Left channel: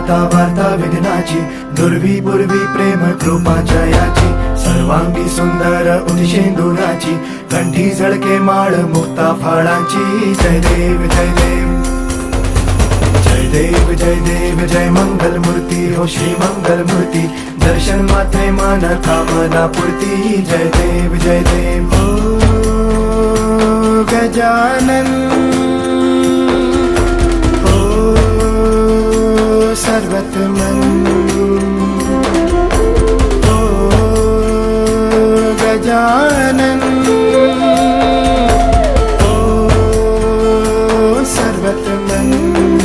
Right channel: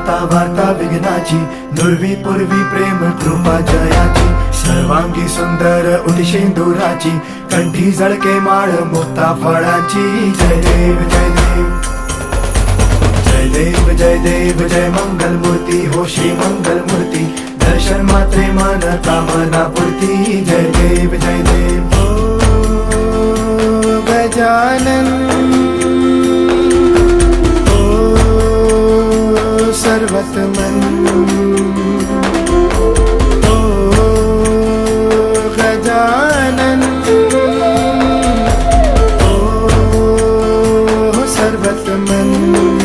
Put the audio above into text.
वार्ता वार्ता विघ्नाची, नुरवी पूर्वी प्रेम कृपा जयाची, सर्वांगी सुंदर उदिशेंदुराची, कंठी झळके माळ मुक्ता फळाची. जय देव जय देव जय देव जय देव जय मंगल मूर्ती हो श्री मंगल मूर्ती, दर्शन मात्रे मन कामना पूर्ती. जय देव जय देव हो गजानन हो सर्वतमन हो गजानन हो सर्वतमन.